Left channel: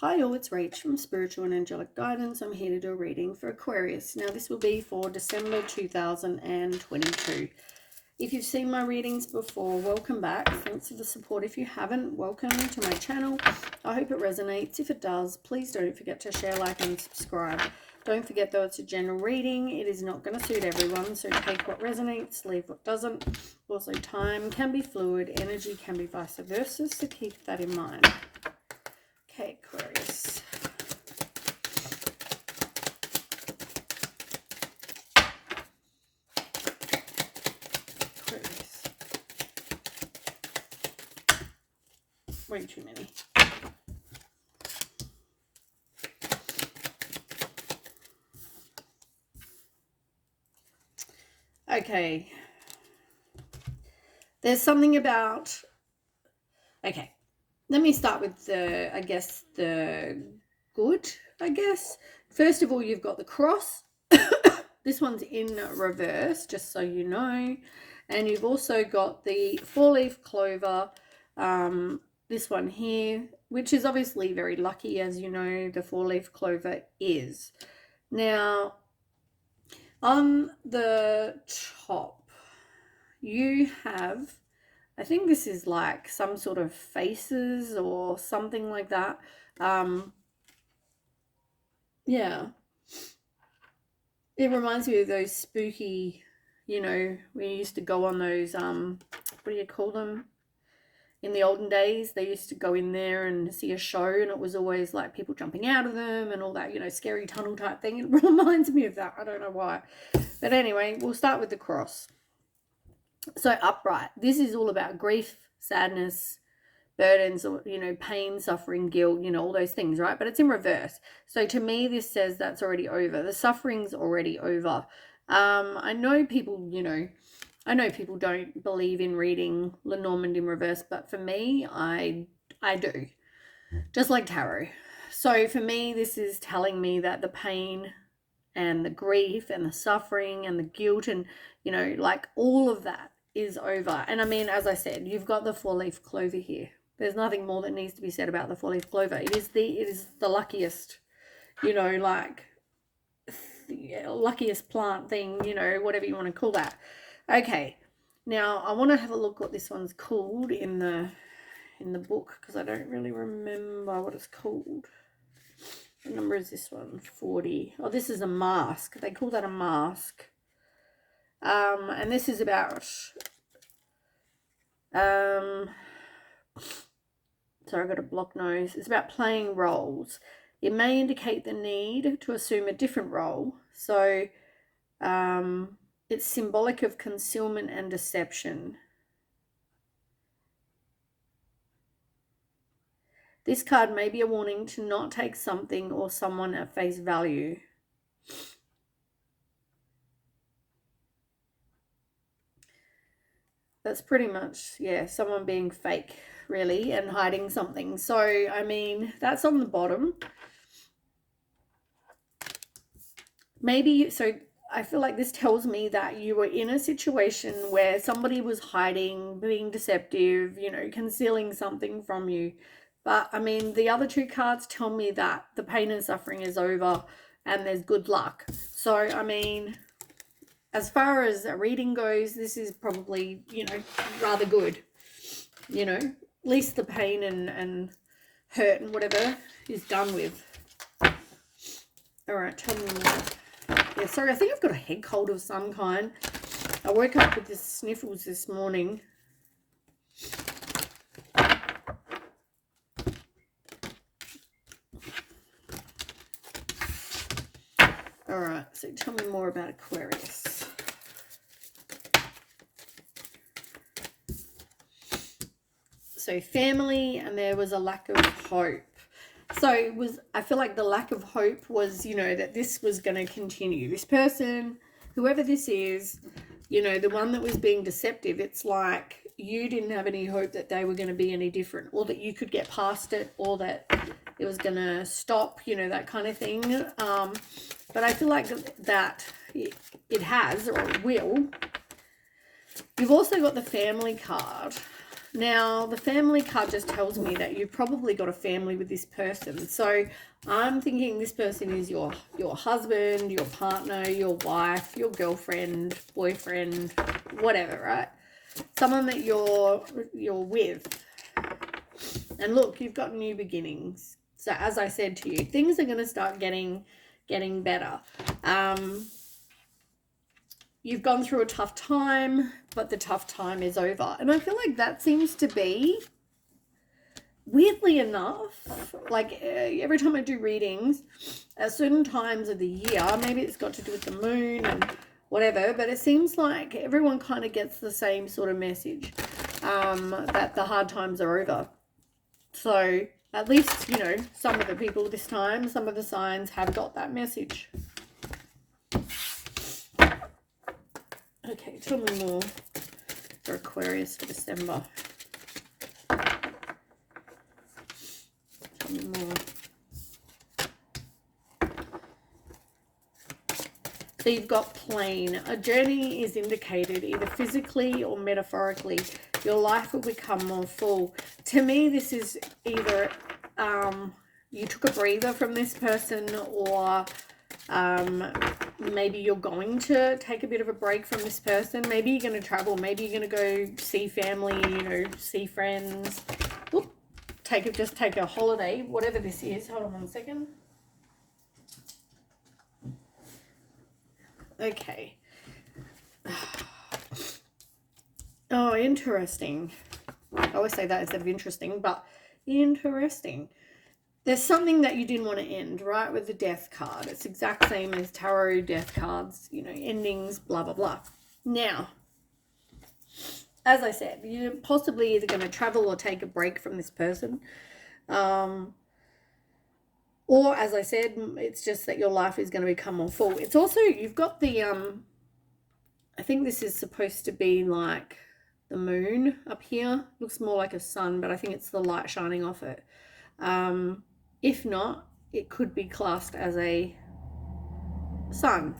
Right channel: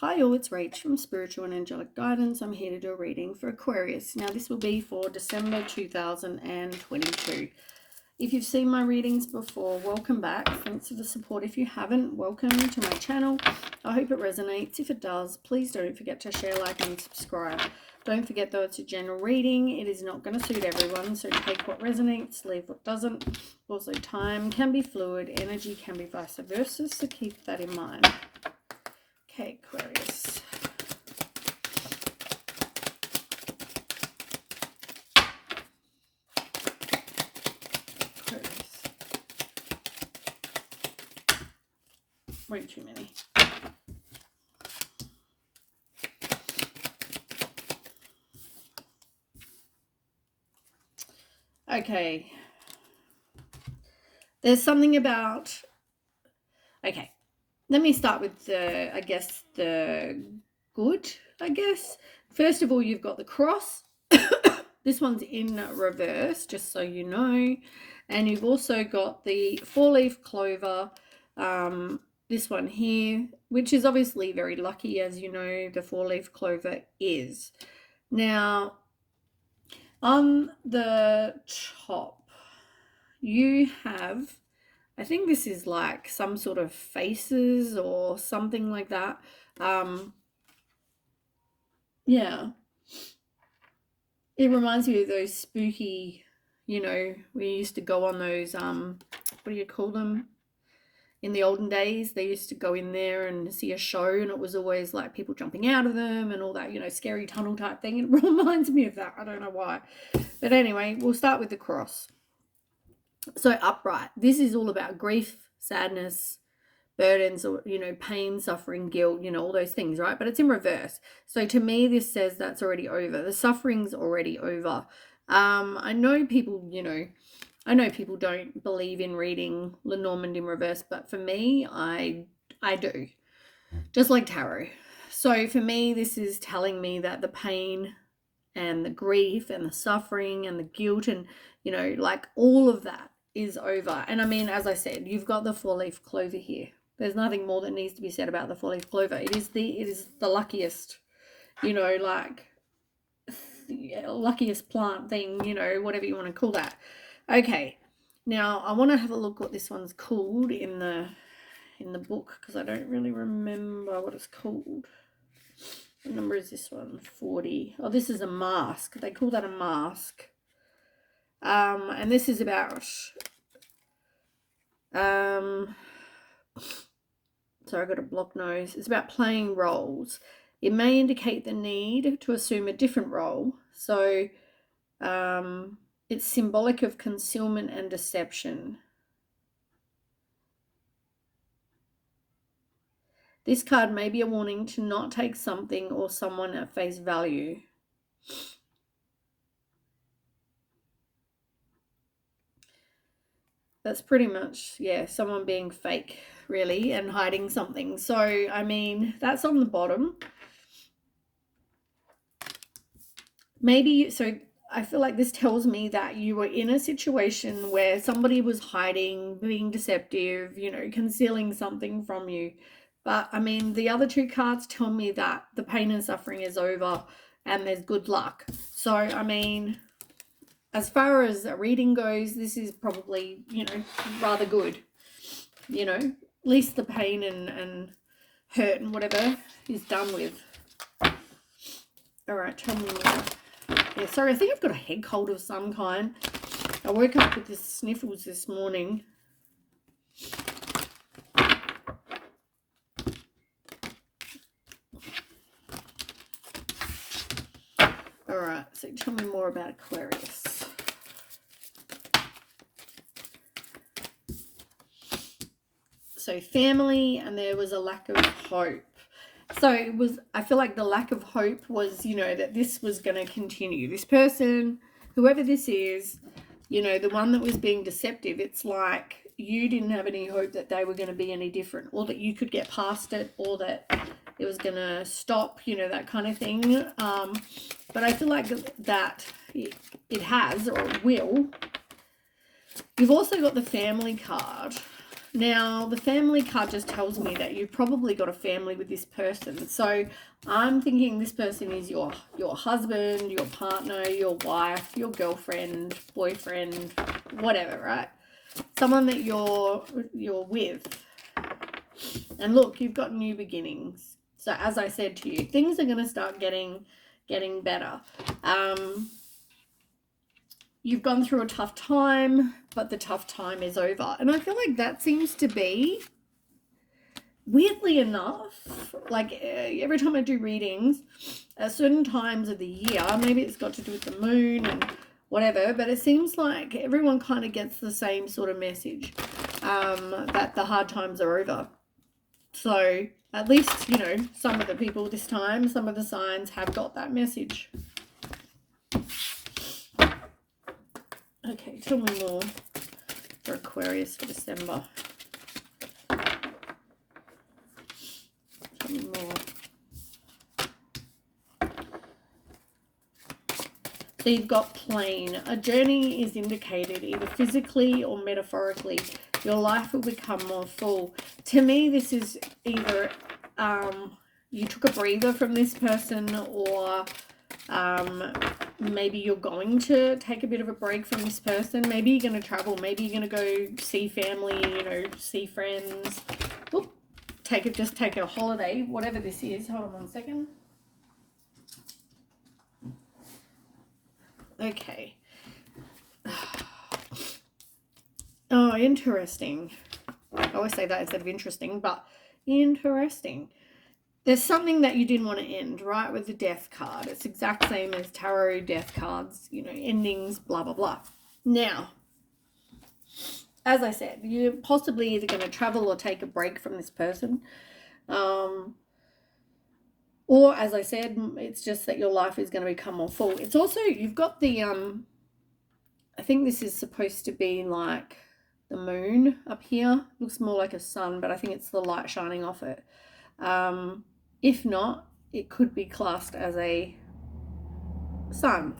Hi all, it's Rach from Spiritual and Angelic Guidance. I'm here to do a reading for Aquarius. Now this will be for December 2022. If you've seen my readings before, welcome back. Thanks for the support. If you haven't, welcome to my channel. I hope it resonates. If it does, please don't forget to share, like and subscribe. Don't forget though, it's a general reading. It is not going to suit everyone, so take what resonates, leave what doesn't. Also, time can be fluid, energy can be vice versa, so keep that in mind. Okay, Aquarius. Aquarius. Way too many. Okay. There's something about... Okay. Let me start with the good, First of all, you've got the cross. This one's in reverse, just so you know. And you've also got the four-leaf clover, this one here, which is obviously very lucky, as you know, the four-leaf clover is. Now, on the top, you have... I think this is like some sort of faces or something like that. Yeah. It reminds me of those spooky, we used to go on those, what do you call them? In the olden days, they used to go in there and see a show, and it was always like people jumping out of them and all that, scary tunnel type thing. It reminds me of that. I don't know why. But anyway, we'll start with the cross. So upright, this is all about grief, sadness, burdens, or pain, suffering, guilt, all those things, right? But it's in reverse. So to me, this says that's already over. The suffering's already over. I know people don't believe in reading Lenormand in reverse, but for me, I do. Just like tarot. So for me, this is telling me that the pain and the grief and the suffering and the guilt and like all of that is over. And I mean, as I said, you've got the four-leaf clover here. There's nothing more that needs to be said about the four-leaf clover. It is the luckiest, luckiest plant thing, whatever you want to call that. Okay, now I want to have a look what this one's called in the book, because I don't really remember what it's called. What number is this one? 40. Oh, this is a mask. They call that a mask. And this is about sorry, I got a blocked nose. It's about playing roles. It may indicate the need to assume a different role. So it's symbolic of concealment and deception. This card may be a warning to not take something or someone at face value. That's pretty much, yeah, someone being fake, really, and hiding something. So, I mean, that's on the bottom. Maybe, so I feel like this tells me that you were in a situation where somebody was hiding, being deceptive, concealing something from you. But, I mean, the other two cards tell me that the pain and suffering is over and there's good luck. So, I mean, as far as a reading goes, this is probably, rather good. At least the pain and hurt and whatever is done with. All right, tell me more. Yeah, sorry, I think I've got a head cold of some kind. I woke up with the sniffles this morning. All right, so tell me more about Aquarius. So family, and there was a lack of hope. So I feel like the lack of hope was, that this was going to continue. This person, whoever this is, the one that was being deceptive, it's like you didn't have any hope that they were going to be any different, or that you could get past it, or that it was going to stop, that kind of thing. But I feel like that it has, or it will. You've also got the family card. Now, the family card just tells me that you've probably got a family with this person. So I'm thinking this person is your husband, your partner, your wife, your girlfriend, boyfriend, whatever, right? Someone that you're with. And look, you've got new beginnings. So as I said to you, things are going to start getting better. You've gone through a tough time, but the tough time is over. And I feel like that seems to be, weirdly enough, like every time I do readings, at certain times of the year, maybe it's got to do with the moon and whatever, but it seems like everyone kind of gets the same sort of message, that the hard times are over. So at least, you know, some of the people this time, some of the signs have got that message. Okay, tell me more for Aquarius for December. Tell me more. So you've got plane. A journey is indicated either physically or metaphorically. Your life will become more full. To me, this is either you took a breather from this person, or maybe you're going to take a bit of a break from this person. Maybe you're going to travel. Maybe you're going to go see family, you know, see friends. Whoop. Just take a holiday, whatever this is. Hold on 1 second. Okay. Oh, interesting. I always say that instead of interesting, but interesting. There's something that you didn't want to end, right, with the death card. It's exact same as tarot death cards, you know, endings, blah, blah, blah. Now, as I said, you're possibly either going to travel or take a break from this person. Or, as I said, it's just that your life is going to become more full. It's also, you've got the, I think this is supposed to be like the moon up here. Looks more like a sun, but I think it's the light shining off it. If not, it could be classed as a sun.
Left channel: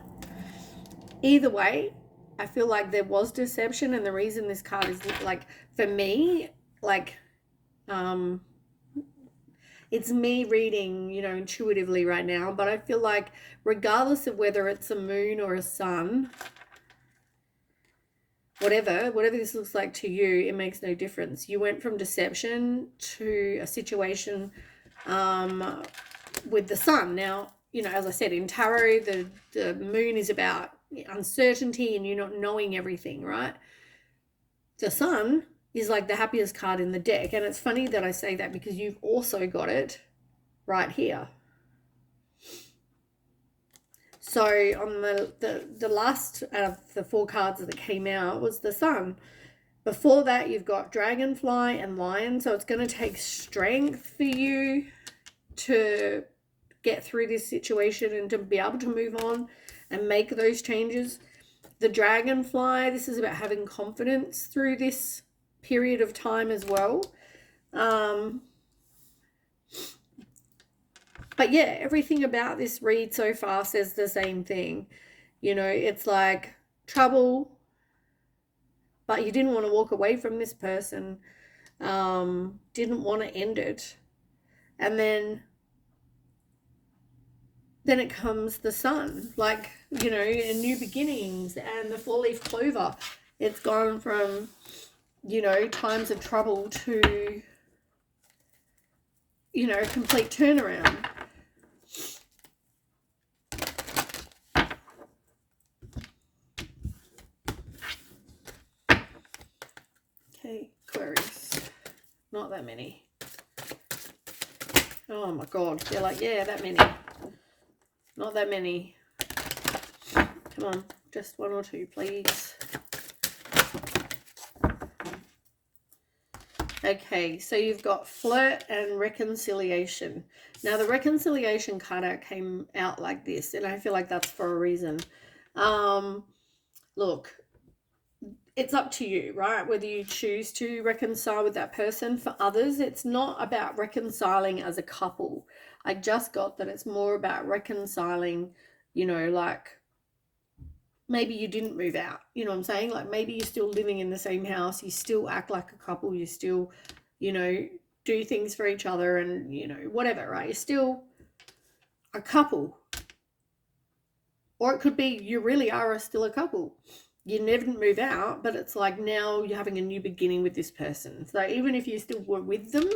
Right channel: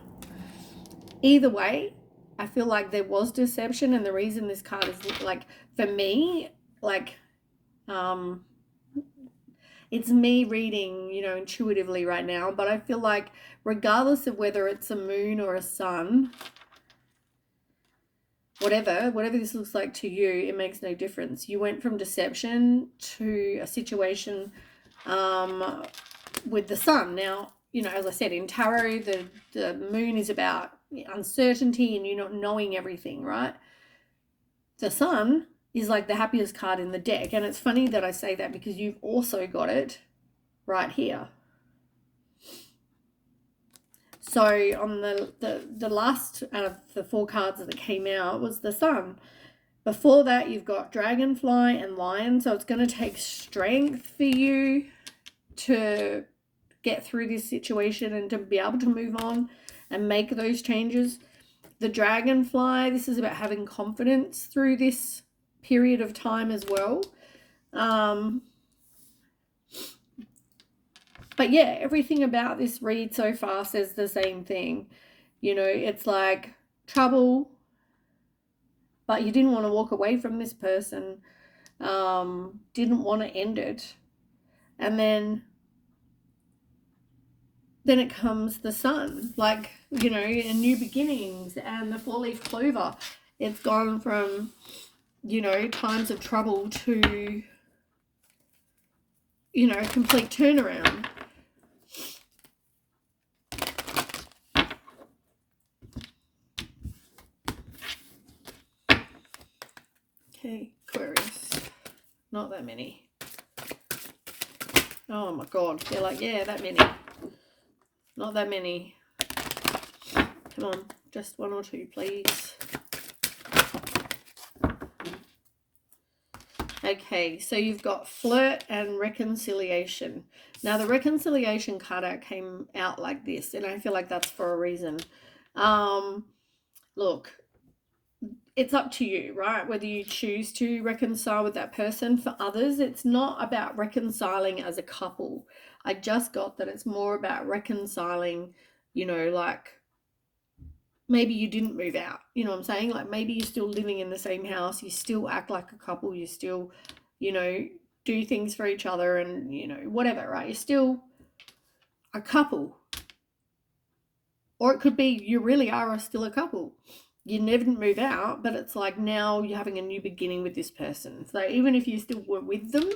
Either way, I feel like there was deception, and the reason this card is, like, for me, like, it's me reading, you know, intuitively right now, but I feel like regardless of whether it's a moon or a sun, whatever this looks like to you, it makes no difference. You went from deception to a situation with the sun. Now, you know, as I said, in tarot, the moon is about uncertainty and you not knowing everything, right? The sun is like the happiest card in the deck. And it's funny that I say that because you've also got it right here. So on the last out of the 4 cards that came out was the sun. Before that, you've got dragonfly and lion. So it's going to take strength for you to get through this situation and to be able to move on and make those changes. The dragonfly, this is about having confidence through this period of time as well. But yeah, everything about this read so far says the same thing. You know, it's like trouble, but you didn't want to walk away from this person, didn't want to end it. And then it comes the sun, like, you know, and new beginnings, and the 4-leaf clover. It's gone from, you know, times of trouble to, you know, a complete turnaround. Okay, Aquarius. Not that many. Oh my God. They're like, yeah, that many. Not that many. Come on, just 1 or 2, please. Okay, so you've got flirt and reconciliation. Now, the reconciliation card came out like this, and I feel like that's for a reason. Look, it's up to you, right? Whether you choose to reconcile with that person. For others, it's not about reconciling as a couple. I just got that it's more about reconciling, you know, like maybe you didn't move out. You know what I'm saying? Like maybe you're still living in the same house. You still act like a couple. You still, you know, do things for each other and, you know, whatever, right? You're still a couple. Or it could be you really are still a couple. You never move out, but it's like now you're having a new beginning with this person. So even if you still were with them,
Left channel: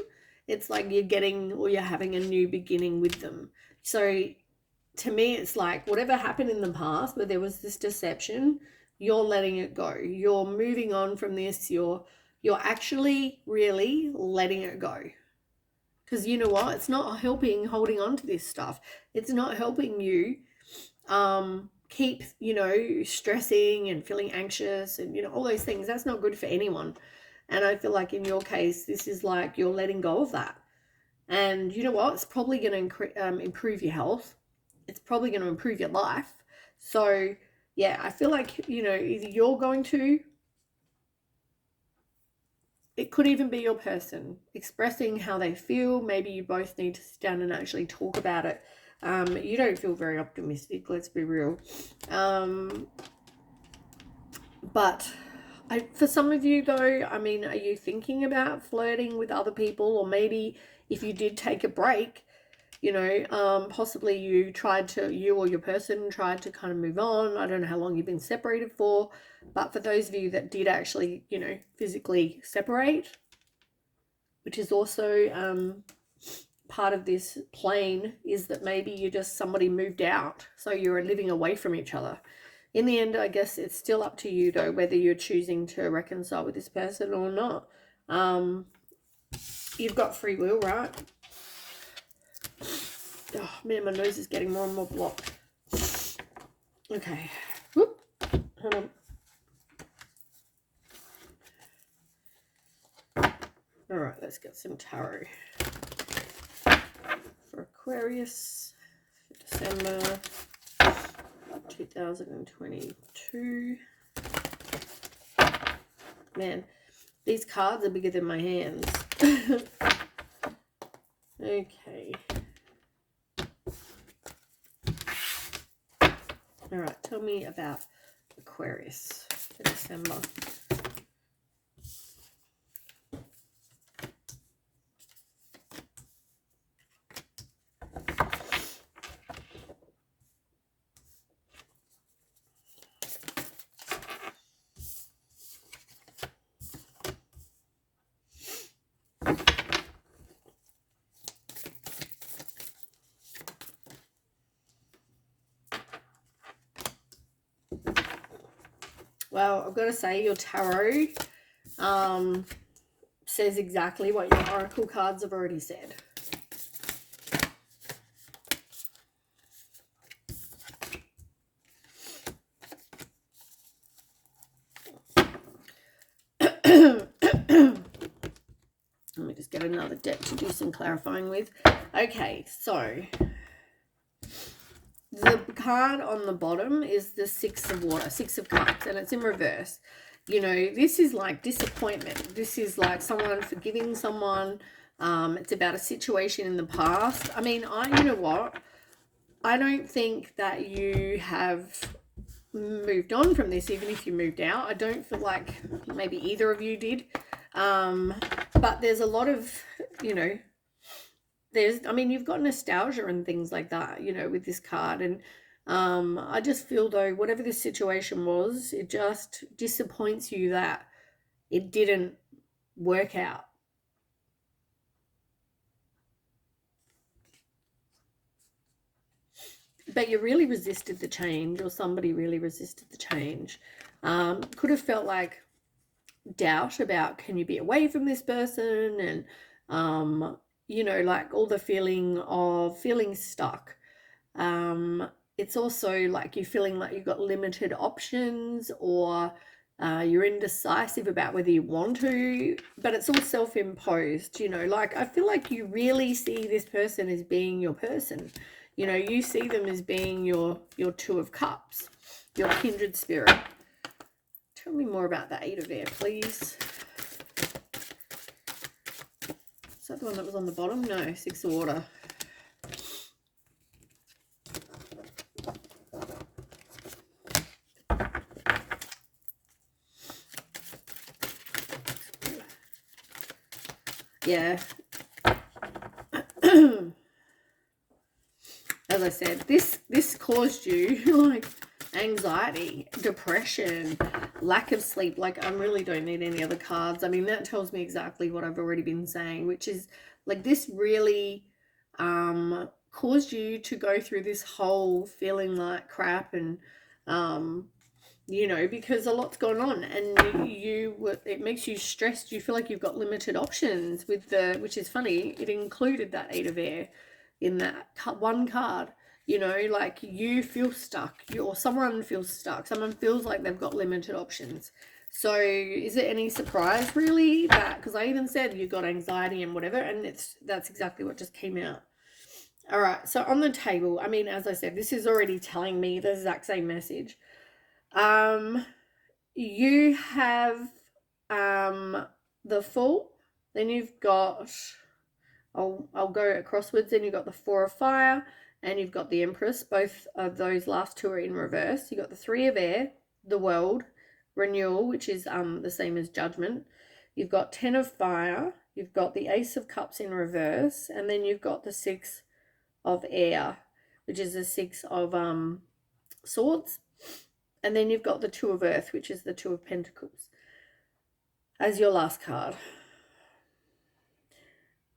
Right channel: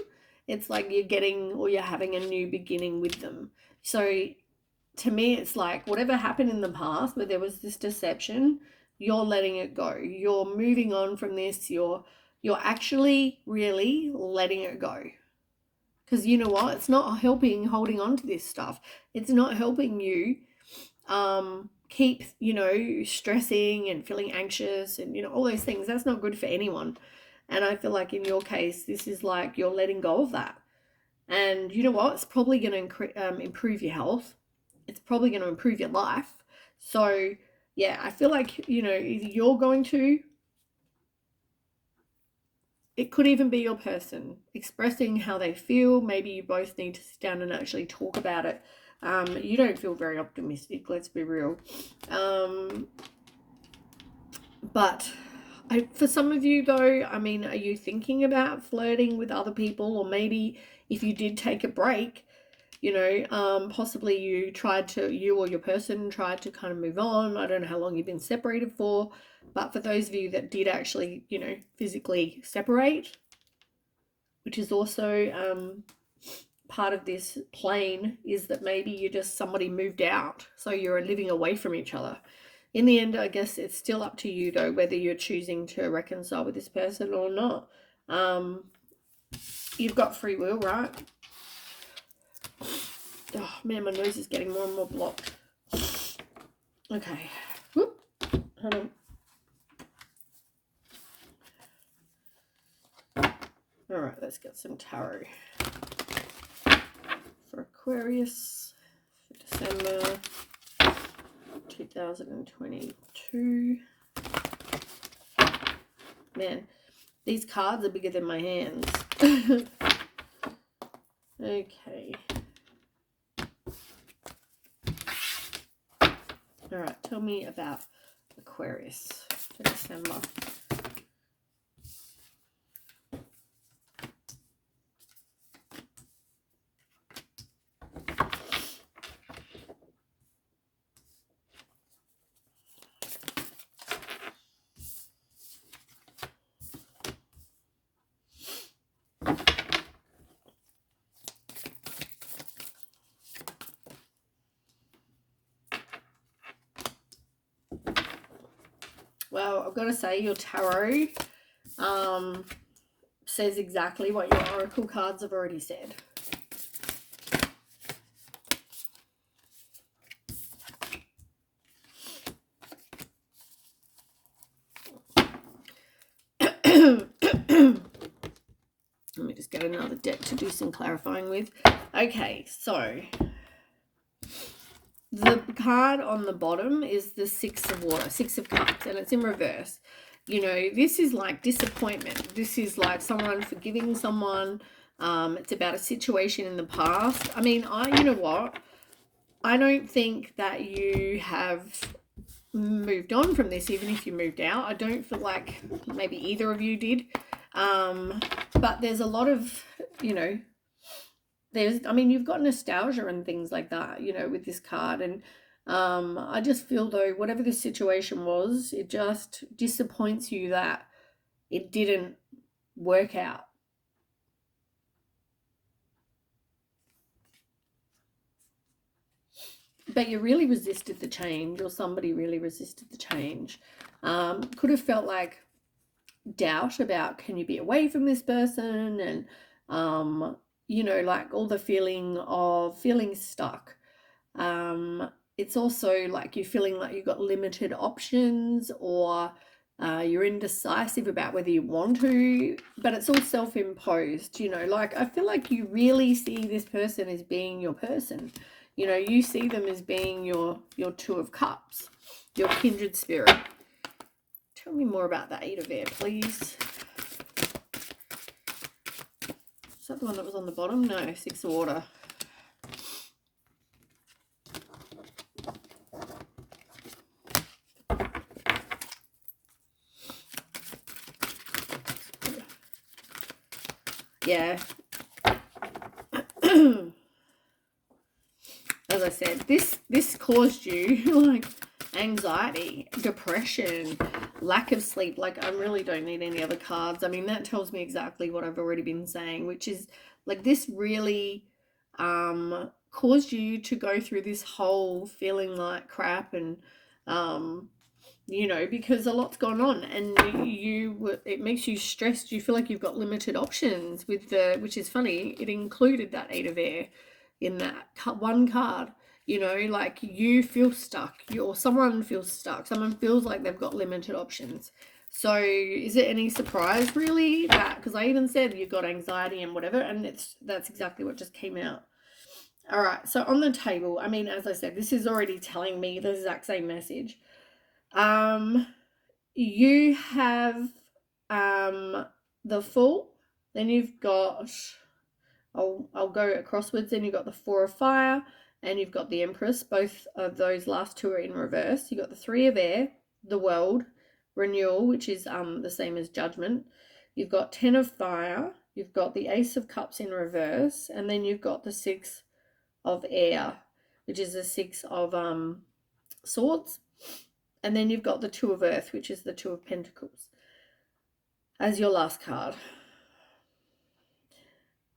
it's like you're getting or you're having a new beginning with them. So to me, it's like whatever happened in the past where there was this deception, you're letting it go. You're moving on from this. You're actually really letting it go. Because you know what? It's not helping holding on to this stuff. It's not helping you keep, you know, stressing and feeling anxious and, you know, all those things. That's not good for anyone. And I feel like in your case, this is like you're letting go of that. And you know what? It's probably going to improve your health. It's probably going to improve your life. So, yeah, I feel like, you know, either you're going to, it could even be your person expressing how they feel. Maybe you both need to sit down and actually talk about it. You don't feel very optimistic, let's be real. But for some of you though, I mean, are you thinking about flirting with other people? Or maybe if you did take a break, you know, possibly you or your person tried to kind of move on. I don't know how long you've been separated for, but for those of you that did actually, you know, physically separate, which is also part of this plane, is that maybe you just somebody moved out, so you're living away from each other. In the end, I guess it's still up to you though, whether you're choosing to reconcile with this person or not. You've got free will, right? Oh man, my nose is getting more and more blocked. Okay. Whoop. Hold on. All right, let's get some tarot for Aquarius for December 2022. Man, these cards are bigger than my hands. Okay. All right, tell me about Aquarius for December. Well, I've got to say your tarot says exactly what your oracle cards have already said. Let me just get another deck to do some clarifying with. Okay, so the card on the bottom is the Six of Cups, and it's in reverse. You know, this is like disappointment. This is like someone forgiving someone. It's about a situation in the past. I mean, you know what? I don't think that you have moved on from this, even if you moved out. I don't feel like maybe either of you did. But there's a lot of, you know, I mean, you've got nostalgia and things like that, you know, with this card. And I just feel though, whatever the situation was, it just disappoints you that it didn't work out. But you really resisted the change, or somebody really resisted the change. Could have felt like doubt about, can you be away from this person? And, you know, like all the feeling of feeling stuck. It's also like you're feeling like you've got limited options, or you're indecisive about whether you want to, but it's all self-imposed, you know, like I feel like you really see this person as being your person. You know, you see them as being your Two of Cups, your kindred spirit. Tell me more about the Eight of Air, please. Is that the one that was on the bottom? No, Six of Water. yeah. As I said, this caused you like anxiety, depression, lack of sleep. Like, I really don't need any other cards. I mean, that tells me exactly what I've already been saying, which is like this really caused you to go through this whole feeling like crap, and you know, because a lot's going on, and it makes you stressed. You feel like you've got limited options with which is funny, it included that Eight of Air in that one card. You know, like you feel stuck, or someone feels stuck, someone feels like they've got limited options. So is it any surprise really that, because I even said you got anxiety and whatever, and that's exactly what just came out. All right, so on the table, I mean, as I said, this is already telling me the exact same message. You have the Fool, then you've got, I'll go acrosswards, then you've got the Four of Fire, and you've got the Empress. Both of those last two are in reverse. You've got the Three of Air, the World, Renewal, which is the same as Judgment. You've got Ten of Fire, you've got the Ace of Cups in reverse, and then you've got the Six of Air, which is the Six of Swords. And then you've got the Two of Earth, which is the Two of Pentacles, as your last card.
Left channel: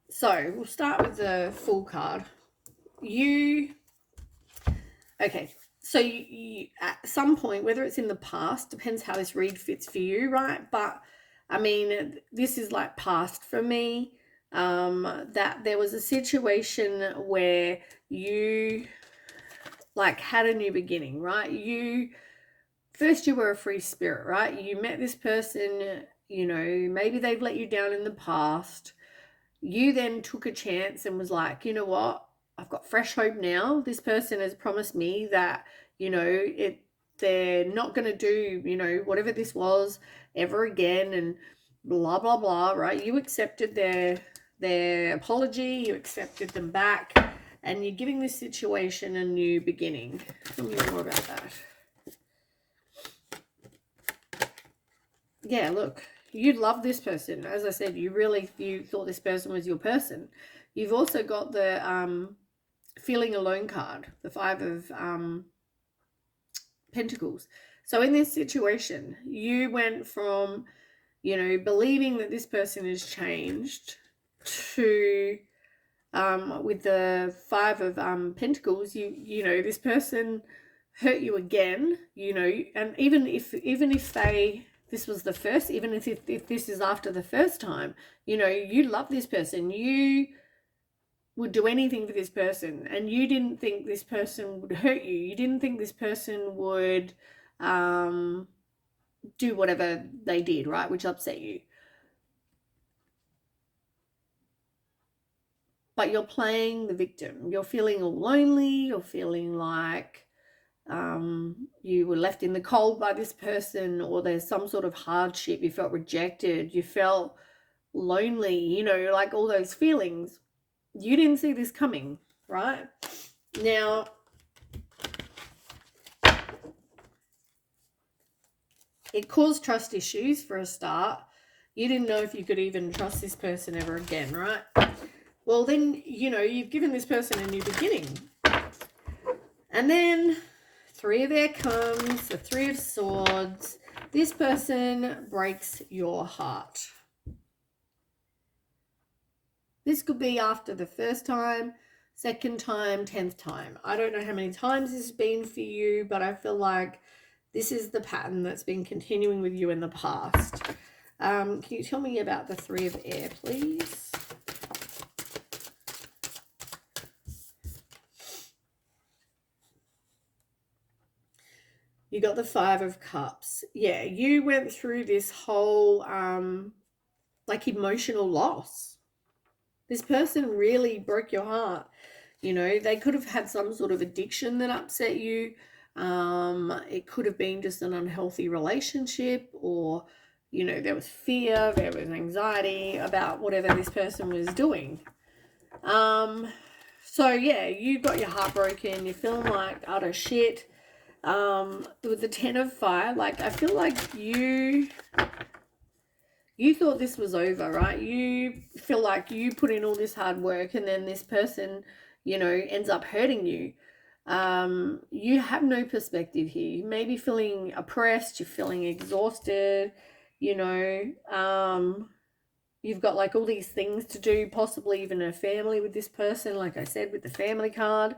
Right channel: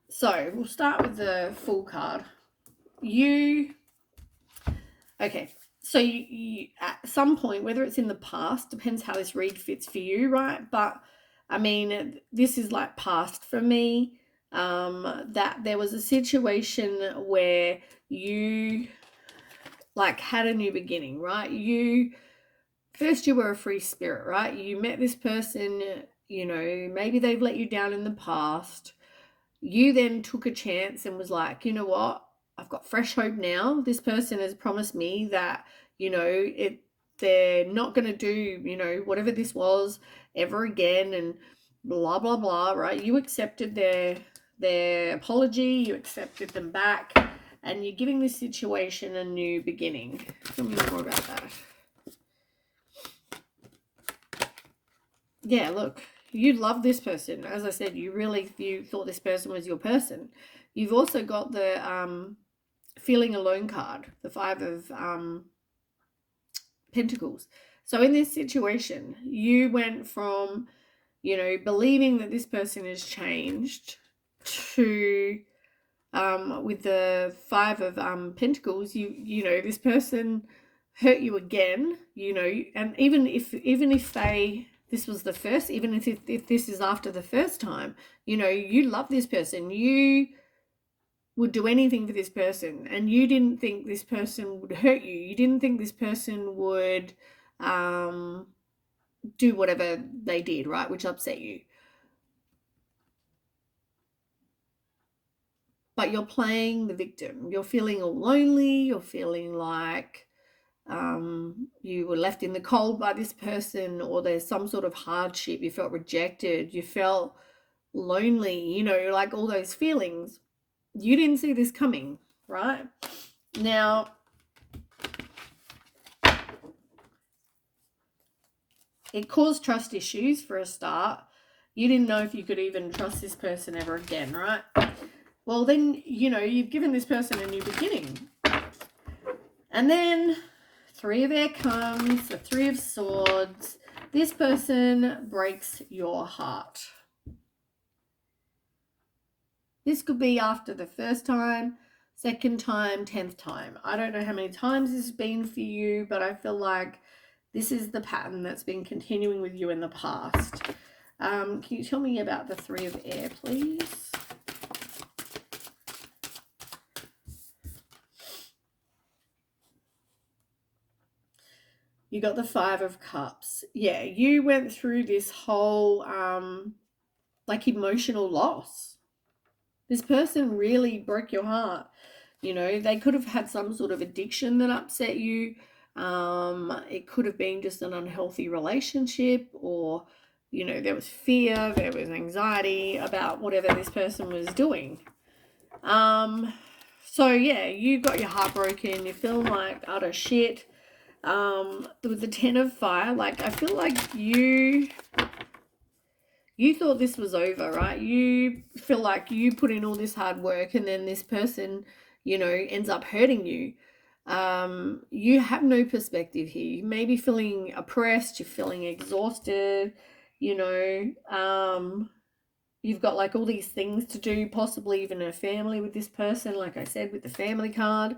So we'll start with the Fool card. Okay, so you at some point, whether it's in the past, depends how this read fits for you, right? But I mean, this is like past for me, that there was a situation where you like had a new beginning, right? First you were a free spirit, right? You met this person, you know, maybe they've let you down in the past. You then took a chance and was like, you know what? I've got fresh hope now. This person has promised me that, you know, they're not going to do, you know, whatever this was ever again, and blah, blah, blah, right? You accepted their apology. You accepted them back, and you're giving this situation a new beginning. Tell me more about that. Yeah, look, you love this person. As I said, you thought this person was your person. You've also got the feeling alone card, the Five of Pentacles. So in this situation, you went from, you know, believing that this person has changed to with the Five of Pentacles, you know, this person hurt you again, you know, and even if this was the first, even if this is after the first time, you know, you love this person, you would do anything for this person, and you didn't think this person would hurt you. You didn't think this person would do whatever they did, right, which upset you. But you're playing the victim. You're feeling all lonely. You're feeling like you were left in the cold by this person, or there's some sort of hardship. You felt rejected. You felt lonely, you know, like all those feelings. You didn't see this coming, right? Now, it caused trust issues for a start. You didn't know if you could even trust this person ever again, right? Well, then, you know, you've given this person a new beginning. And then Three of Air comes, the Three of Swords. This person breaks your heart. This could be after the first time, second time, 10th time. I don't know how many times this has been for you, but I feel like this is the pattern that's been continuing with you in the past. Can you tell me about the Three of Air, please? You got the Five of Cups. Yeah, you went through this whole like emotional loss. This person really broke your heart. You know, they could have had some sort of addiction that upset you. It could have been just an unhealthy relationship, or, you know, there was fear, there was anxiety about whatever this person was doing. So yeah, you got your heart broken. You're feeling like utter shit. With the Ten of Fire, like I feel like you You thought this was over, right? You feel like you put in all this hard work and then this person, ends up hurting you. You have no perspective here. You may be feeling oppressed, you're feeling exhausted, you know, you've got like all these things to do, possibly even a family with this person, like I said, with the family card.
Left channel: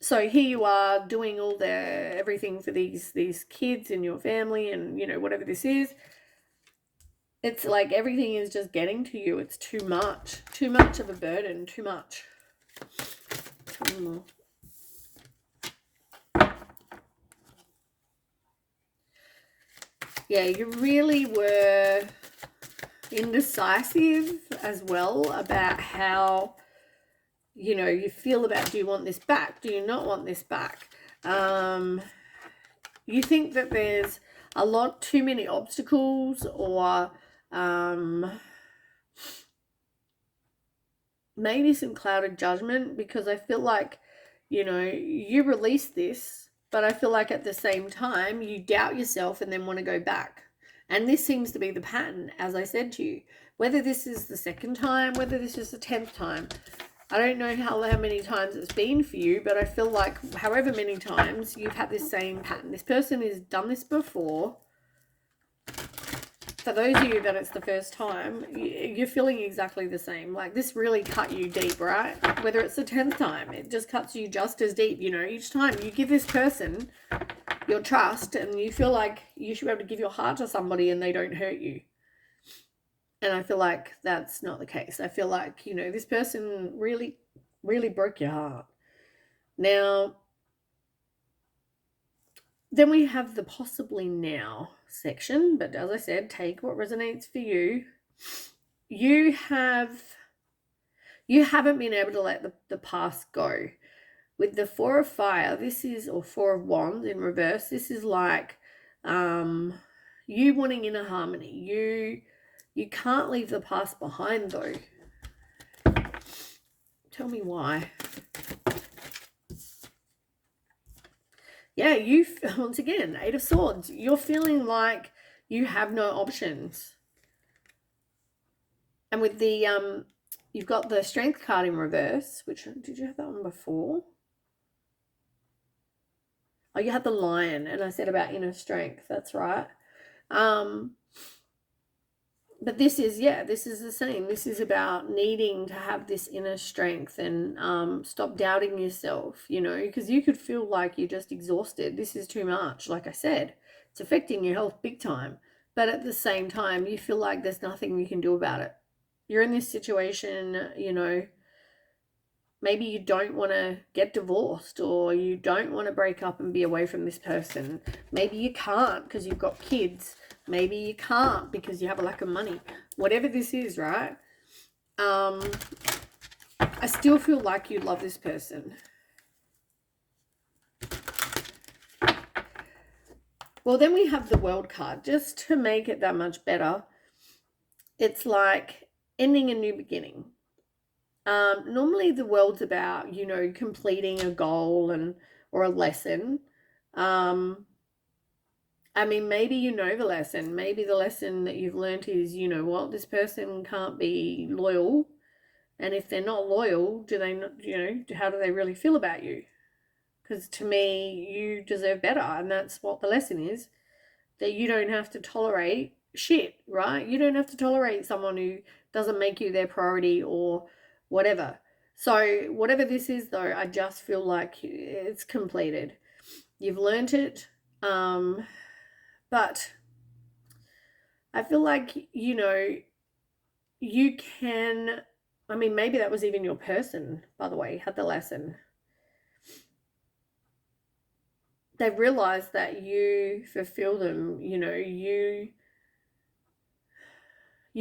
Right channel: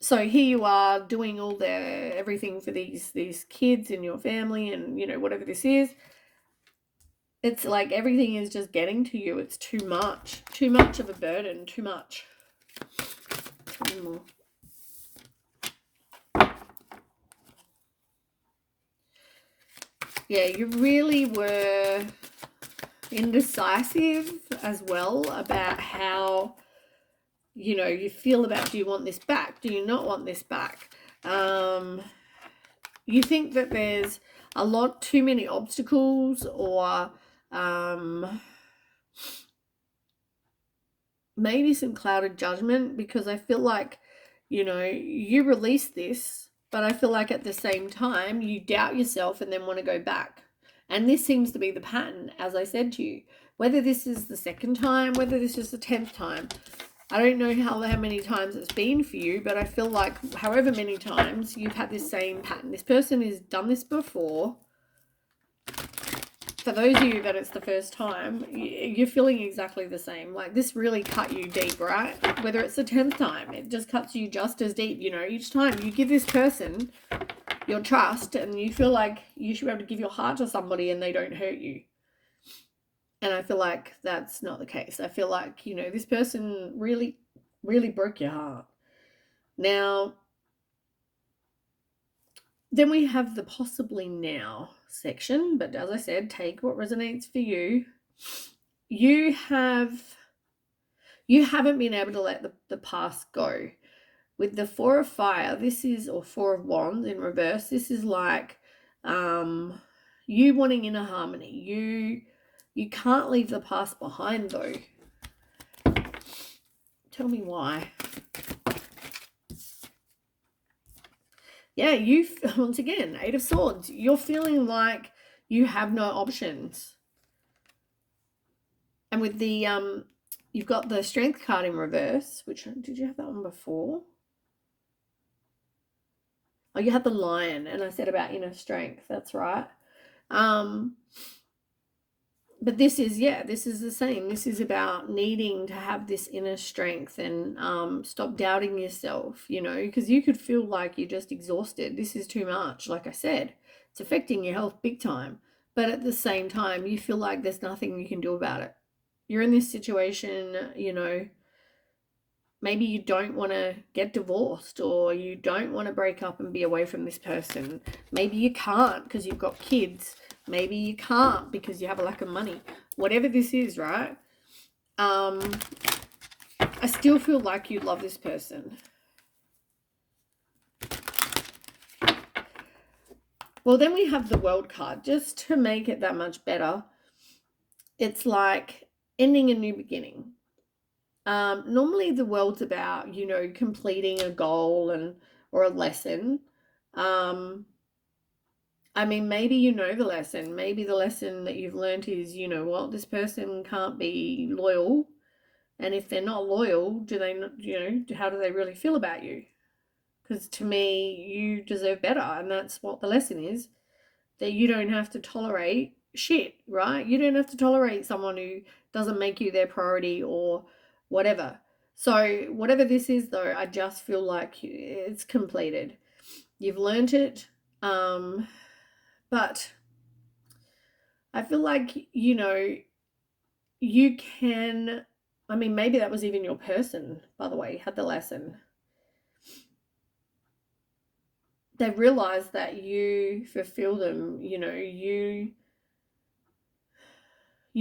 So here you are doing all the everything for these kids in your family, and whatever this is, it's like everything is just getting to you. It's too much of a burden, too much. Tell me more. Yeah, you really were indecisive as well about how you feel about, do you want this back, do you not want this back. You think that there's a lot too many obstacles, or maybe some clouded judgment, because I feel like you release this, but I feel like at the same time you doubt yourself and then want to go back. And this seems to be the pattern, as I said to you. Whether this is the second time, whether this is the 10th time, I don't know how many times it's been for you, but I feel like however many times you've had this same pattern. This person has done this before. For those of you that it's the first time, you're feeling exactly the same. Like, this really cut you deep, right? Whether it's the 10th time, it just cuts you just as deep. Each time you give this person your trust and you feel like you should be able to give your heart to somebody and they don't hurt you. And I feel like that's not the case. I feel like, this person really, really broke your heart. Now, then we have the possibly now section, but as I said, take what resonates for you. You haven't been able to let the past go. With the Four of Fire, this is, or Four of Wands in reverse, this is like you wanting inner harmony. You can't leave the past behind, though. Tell me why. Yeah, once again, Eight of Swords. You're feeling like you have no options. And with the you've got the Strength card in reverse, which, did you have that one before? Oh, you had the Lion, and I said about inner strength. That's right. But this is the same. This is about needing to have this inner strength and stop doubting yourself, because you could feel like you're just exhausted. This is too much. Like I said, it's affecting your health big time. But at the same time, you feel like there's nothing you can do about it. You're in this situation, maybe you don't want to get divorced, or you don't want to break up and be away from this person. Maybe you can't because you've got kids. Maybe you can't because you have a lack of money. Whatever this is, right? I still feel like you love this person. Well, then we have the World card, just to make it that much better. It's like ending a new beginning. Normally the World's about, completing a goal or a lesson. I mean, maybe the lesson. Maybe the lesson that you've learned is, this person can't be loyal. And if they're not loyal, do they not, how do they really feel about you? Because to me, you deserve better. And that's what the lesson is, that you don't have to tolerate shit, right? You don't have to tolerate someone who doesn't make you their priority or whatever. So whatever this is, though, I just feel like it's completed. You've learned it. But I feel like, you can, I mean, maybe that was even your person, by the way, had the lesson. They've realized that you fulfill them, you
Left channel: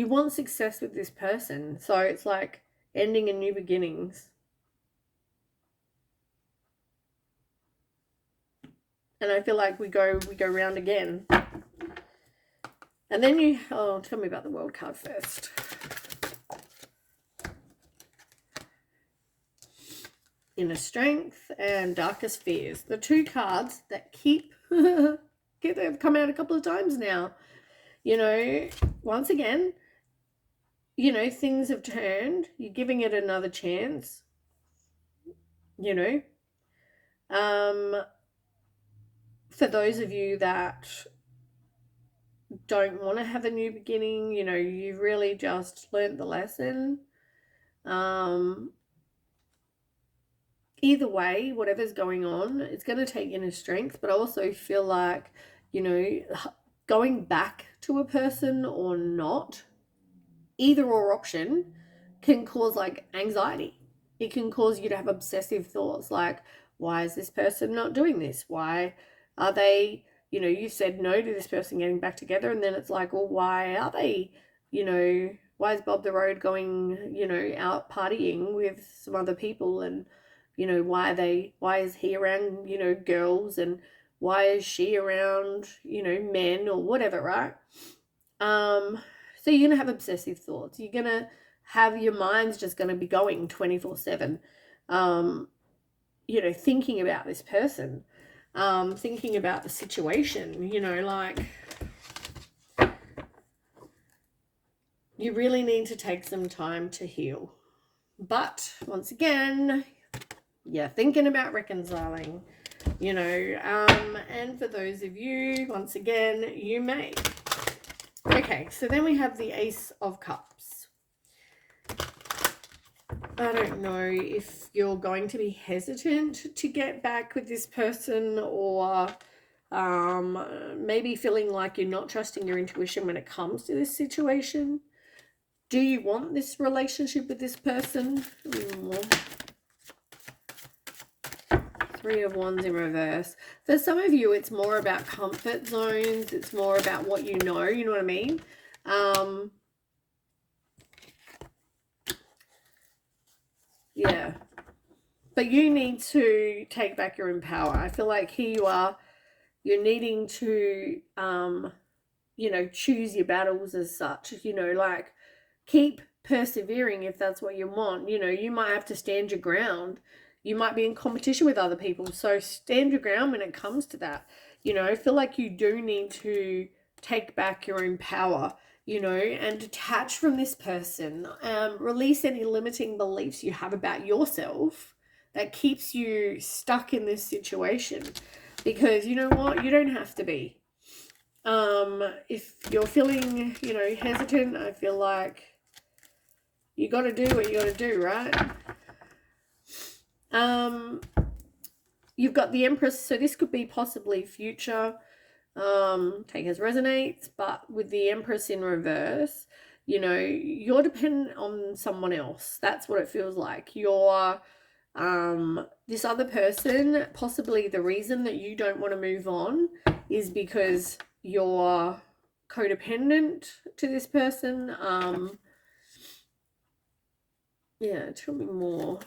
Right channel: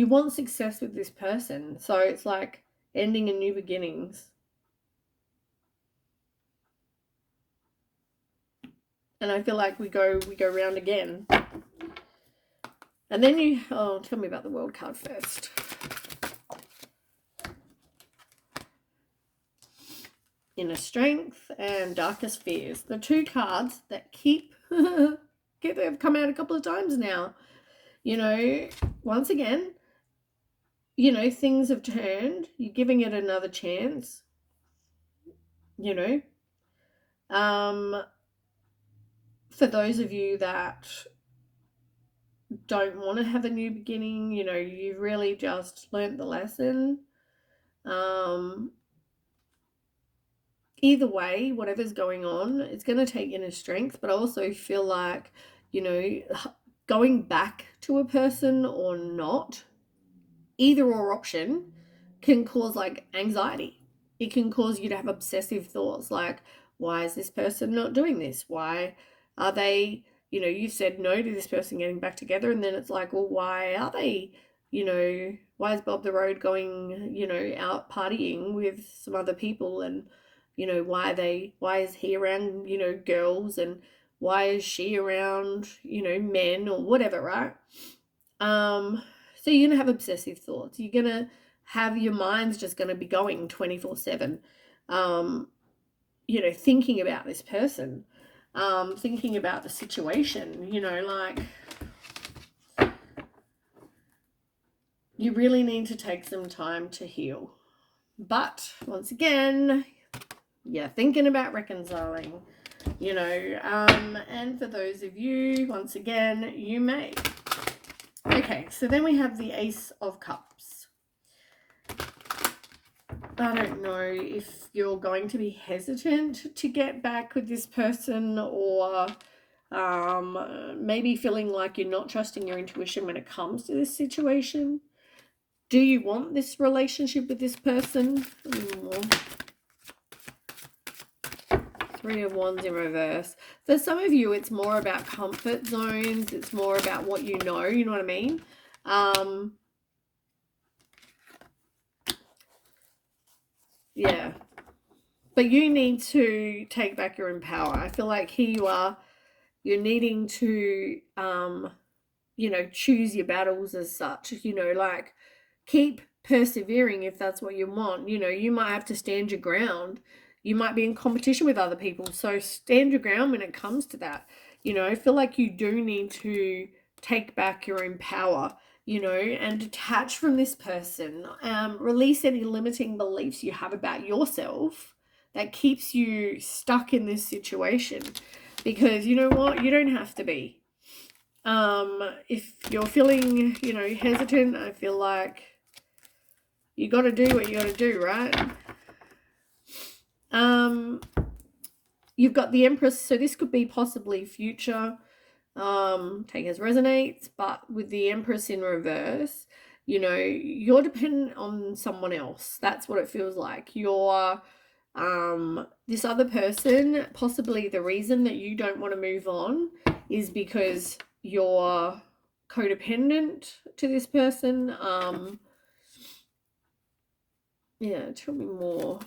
want success with this person. So it's like ending and new beginnings. And I feel like we go round again. And then tell me about the World card first. Inner Strength and Darkest Fears. The two cards that they've come out a couple of times now. You know, once again, you know, things have turned. You're giving it another chance, you know. For those of you that don't want to have a new beginning, you know, you've really just learnt the lesson. Either way, whatever's going on, it's going to take inner strength, but I also feel like, you know, going back to a person or not, either or option can cause like anxiety. It can cause you to have obsessive thoughts like, why is this person not doing this? Why are they, you know, you said no to this person getting back together, and then it's like, well, why are they, you know, why is Bob the Road going, you know, out partying with some other people? And, you know, why is he around, you know, girls, and why is she around, you know, men or whatever, right? So you're going to have obsessive thoughts. You're going to have your mind's just going to be going 24/7. You know, thinking about this person, thinking about the situation, you know, like you really need to take some time to heal. But once again, you're thinking about reconciling, you know, and for those of you, once again, you may. Okay, so then we have the Ace of Cups. I don't know if you're going to be hesitant to get back with this person, or maybe feeling like you're not trusting your intuition when it comes to this situation. Do you want this relationship with this person? Three of Wands in reverse. For some of you, it's more about comfort zones. It's more about what you know what I mean? Yeah. But you need to take back your own power. I feel like here you are, you're needing to, you know, choose your battles as such, you know, like keep persevering if that's what you want. You know, you might have to stand your ground. You might be in competition with other people. So stand your ground when it comes to that. You know, I feel like you do need to take back your own power, you know, and detach from this person. Release any limiting beliefs you have about yourself that keeps you stuck in this situation. Because you know what? You don't have to be. If you're feeling, you know, hesitant, I feel like you got to do what you got to do, right? You've got the Empress, so this could be possibly future, take as resonates, but with the Empress in reverse, you know, you're dependent on someone else. That's what it feels like. You're, this other person, possibly the reason that you don't want to move on is because you're codependent to this person. Yeah, tell me more.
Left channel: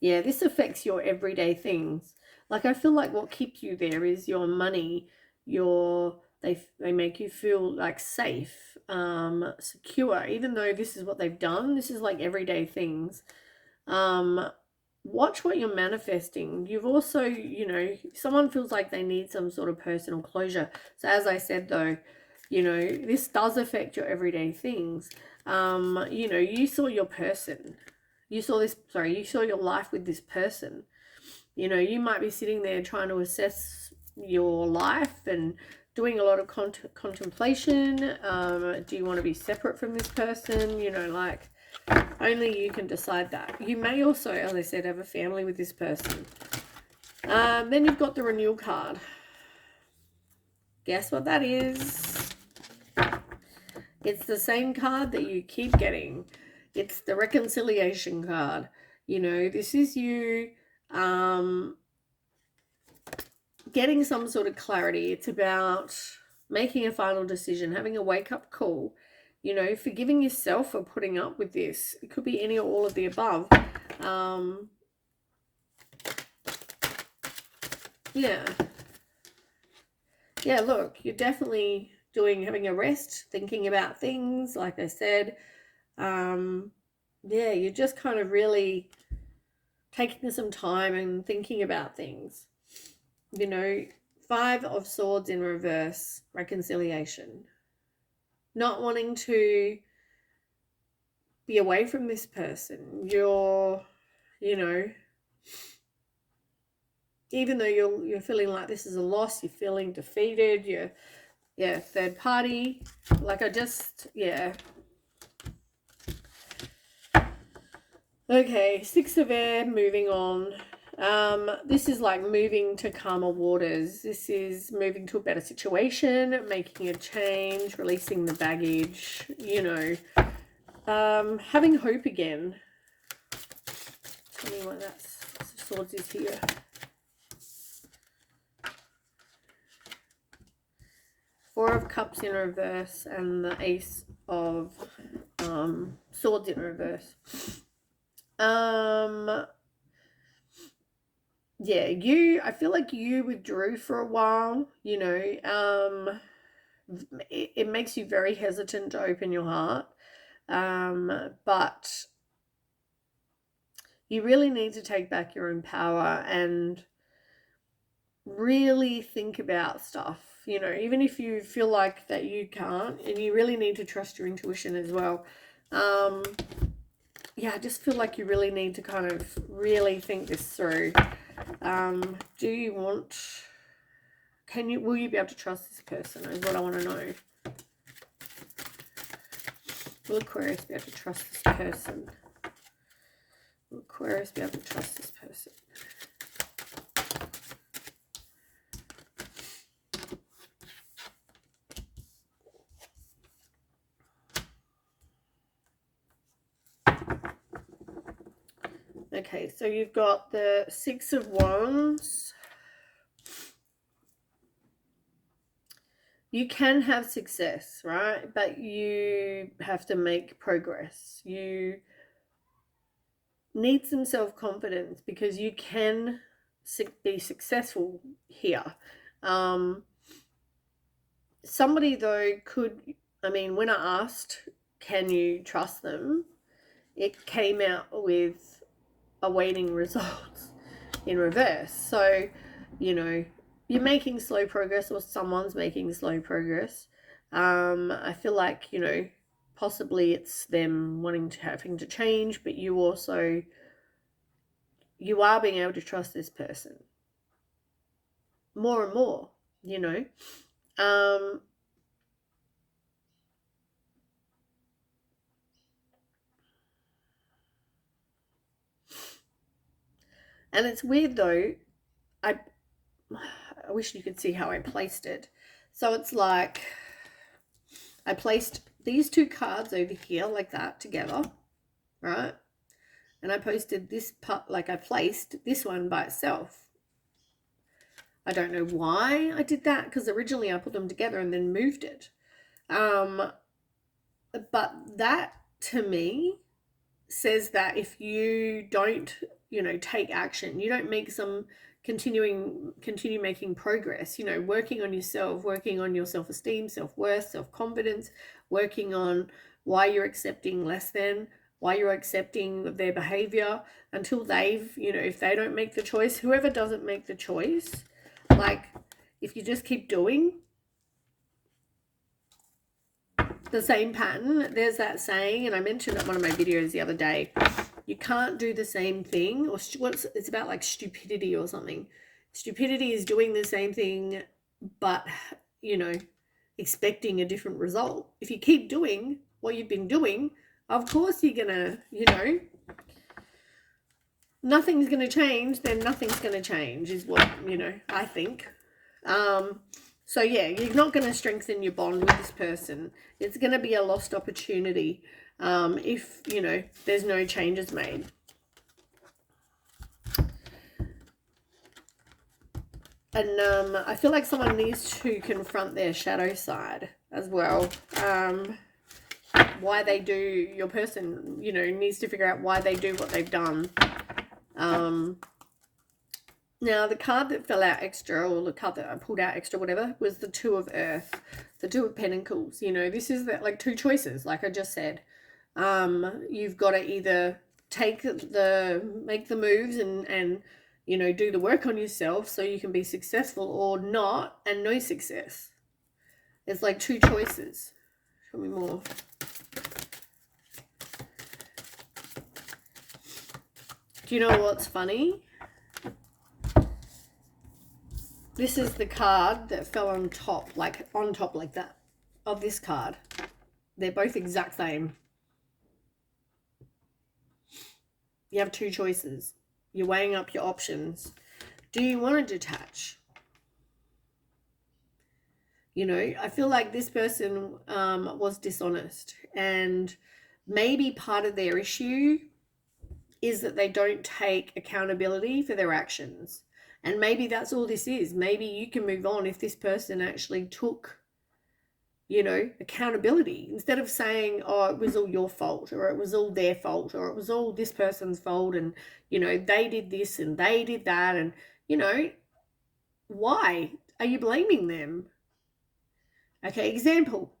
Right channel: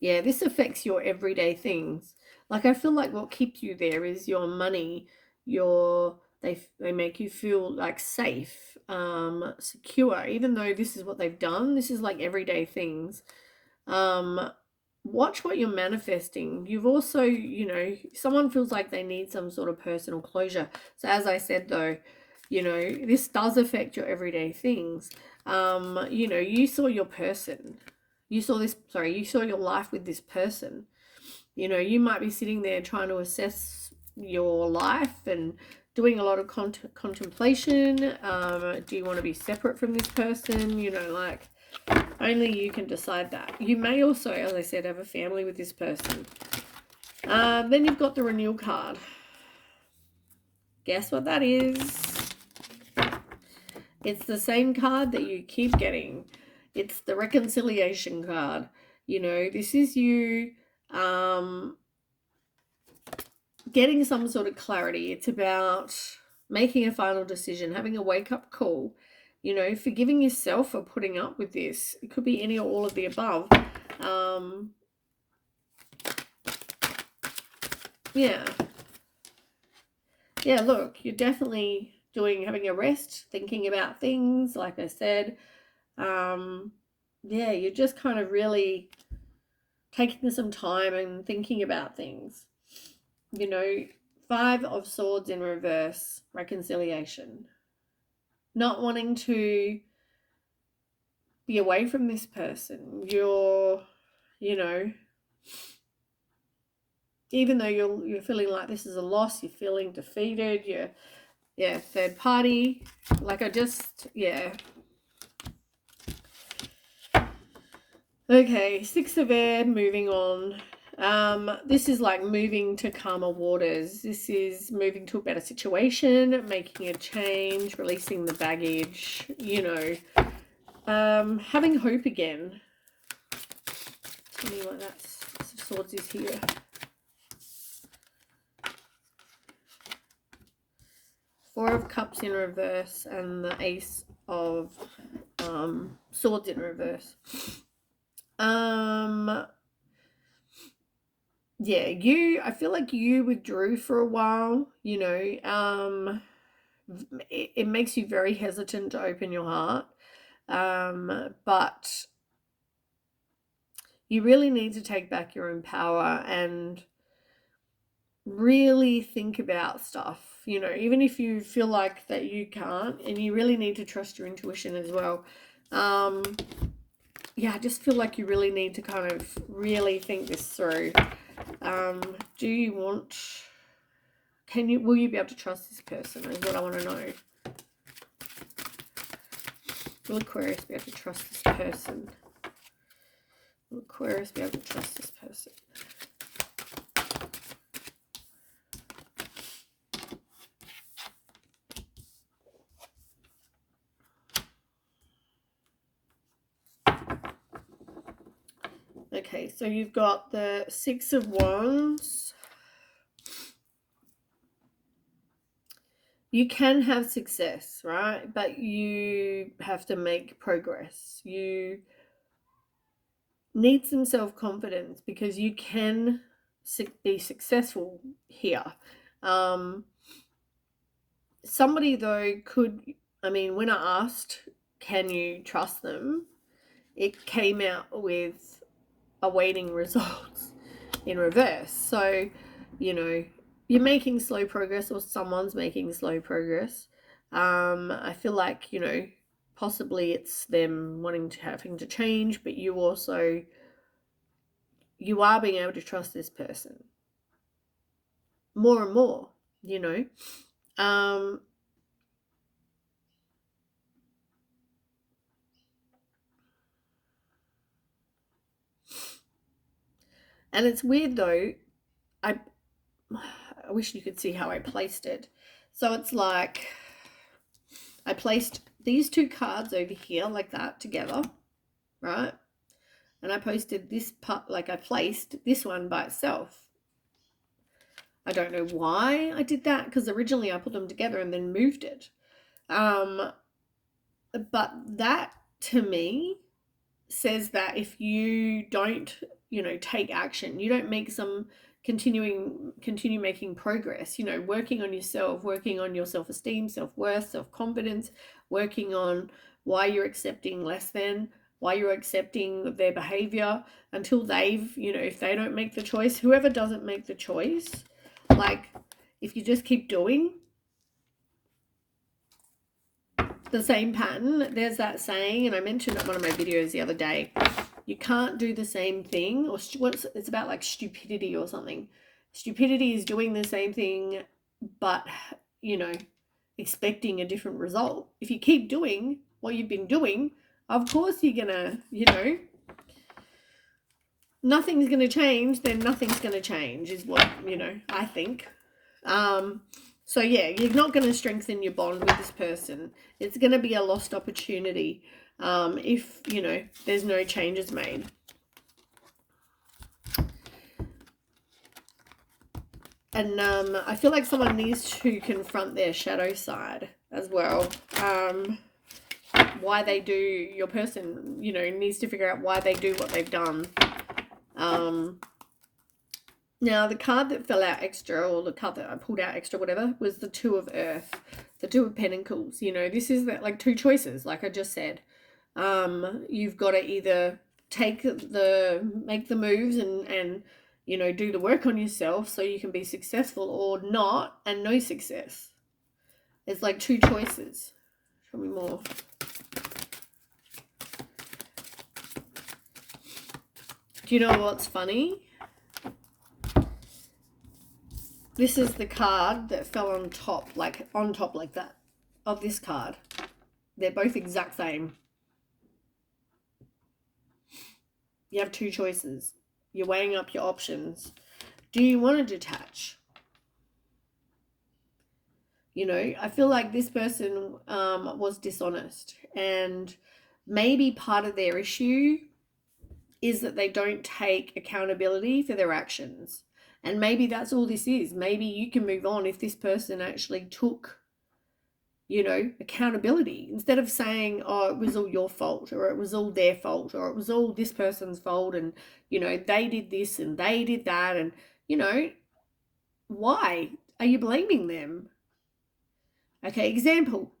Yeah, this affects your everyday things. Like, I feel like what keeps you there is your money, they make you feel like safe, secure, even though this is what they've done. This is like everyday things. Watch what you're manifesting. You've also, you know, someone feels like they need some sort of personal closure. So as I said though, you know, this does affect your everyday things. You know, you saw your person. You saw your life with this person. You know, you might be sitting there trying to assess your life and doing a lot of contemplation. Do you want to be separate from this person? You know, like, only you can decide that. You may also, as I said, have a family with this person. Then you've got the renewal card. Guess what that is? It's the same card that you keep getting. It's the reconciliation card. You know, this is you getting some sort of clarity. It's about making a final decision, having a wake-up call, you know, forgiving yourself for putting up with this. It could be any or all of the above. Yeah, look, you're definitely having a rest, thinking about things, like I said. Yeah, you're just kind of really taking some time and thinking about things. you know, 5 of Swords in reverse, reconciliation. Not wanting to be away from this person. You're, you know, even though you're feeling like this is a loss, you're feeling defeated, you're third party. Like Okay, 6 of Air, moving on. This is like moving to calmer waters. This is moving to a better situation, making a change, releasing the baggage, you know, having hope again. Tell me what that's Swords is here. Four of Cups in reverse and the Ace of Swords in reverse. Yeah, I feel like you withdrew for a while, you know. It makes you very hesitant to open your heart. But you really need to take back your own power and really think about stuff, you know, even if you feel like that you can't, and you really need to trust your intuition as well. Yeah, I just feel like you really need to kind of really think this through. Do you want, will you be able to trust this person is what I want to know. Will Aquarius be able to trust this person? Will Aquarius be able to trust this person? Okay, so you've got the 6 of Wands. You can have success, right? But you have to make progress. You need some self-confidence because you can be successful here. Somebody, though, when I asked, can you trust them? It came out with awaiting results in reverse. So, you know, you're making slow progress, or someone's making slow progress. I feel like, you know, possibly it's them having to change, but you are being able to trust this person more and more, you know. And it's weird though, I wish you could see how I placed it. So it's like I placed these 2 cards over here like that together, right? And I posted this part, like I placed this one by itself. I don't know why I did that, because originally I put them together and then moved it. But that to me says that if you don't, you know, take action, you don't make some continue making progress, you know, working on yourself, working on your self-esteem, self-worth, self-confidence, working on why you're accepting less than, why you're accepting their behavior, until they've, you know, if they don't make the choice, whoever doesn't make the choice, like if you just keep doing the same pattern, there's that saying, and I mentioned it in one of my videos the other day, you can't do the same thing, or it's about like stupidity or something. Stupidity is doing the same thing, but, you know, expecting a different result. If you keep doing what you've been doing, of course you're gonna, you know, nothing's gonna change, then nothing's gonna change is what, you know, I think. So yeah, you're not going to strengthen your bond with this person. It's going to be a lost opportunity if, you know, there's no changes made. And I feel like someone needs to confront their shadow side as well. Why they do, your person, you know, needs to figure out why they do what they've done. Now, the card that fell out extra, or the card that I pulled out extra, whatever, was the 2 of Earth, the 2 of Pentacles. You know, this is like 2 choices, like I just said. You've got to either make the moves and you know, do the work on yourself so you can be successful, or not and no success. It's like two choices. Show me more. Do you know what's funny? This is the card that fell on top like that of this card. They're both exact same. You have two choices. You're weighing up your options. Do you want to detach? You know, I feel like this person was dishonest, and maybe part of their issue is that they don't take accountability for their actions. And maybe that's all this is. Maybe you can move on if this person actually took, you know, accountability, instead of saying, oh, it was all your fault, or it was all their fault, or it was all this person's fault, and, you know, they did this and they did that. And, you know, why are you blaming them? Okay, example,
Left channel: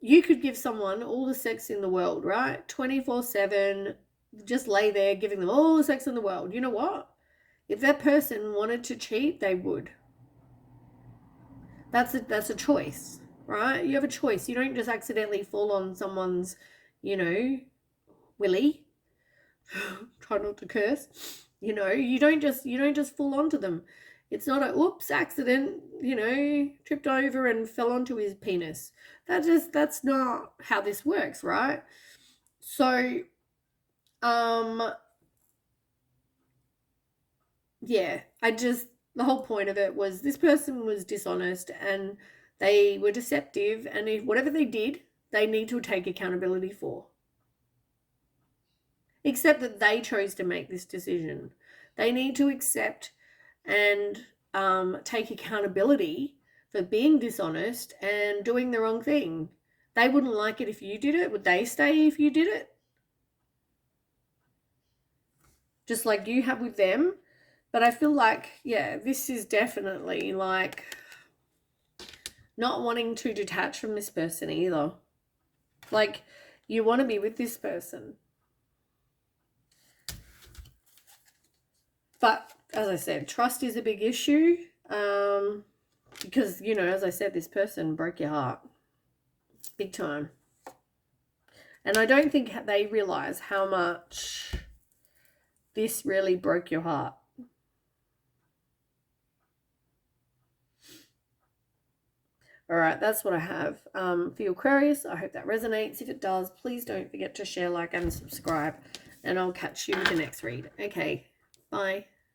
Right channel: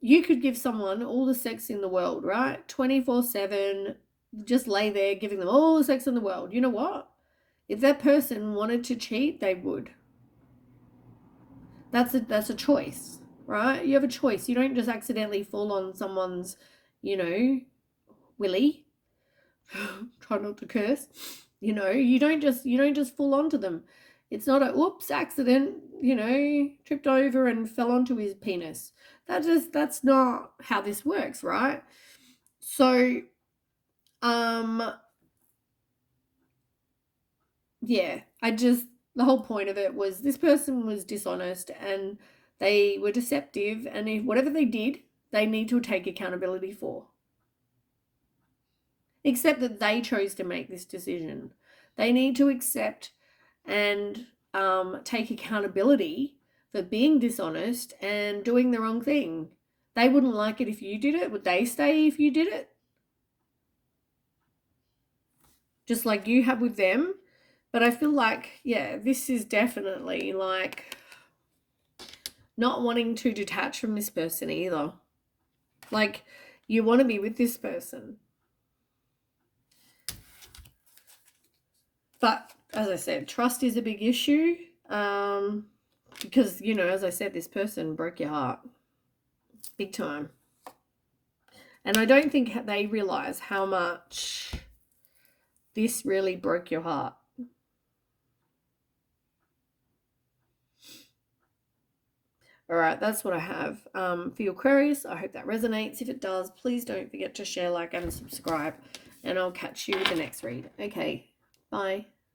you could give someone all the sex in the world, right? 24/7, just lay there giving them all the sex in the world. You know what? If that person wanted to cheat, they would. That's a choice, right? You have a choice. You don't just accidentally fall on someone's, you know, willy. Try not to curse. You know, you don't just fall onto them. It's not a oops accident, you know, tripped over and fell onto his penis. That's not how this works, right? So yeah, the whole point of it was this person was dishonest and they were deceptive, and if whatever they did, they need to take accountability for. Except that they chose to make this decision. They need to accept and take accountability for being dishonest and doing the wrong thing. They wouldn't like it if you did it. Would they stay if you did it? Just like you have with them. But I feel like, yeah, this is definitely like not wanting to detach from this person either. Like, you want to be with this person. But as I said, trust is a big issue, because, you know, as I said, this person broke your heart big time. And I don't think they realize how much this really broke your heart. All right, that's what I have for your Aquarius. I hope that resonates. If it does, please don't forget to share, like, and subscribe. And I'll catch you with the next read. Okay, bye.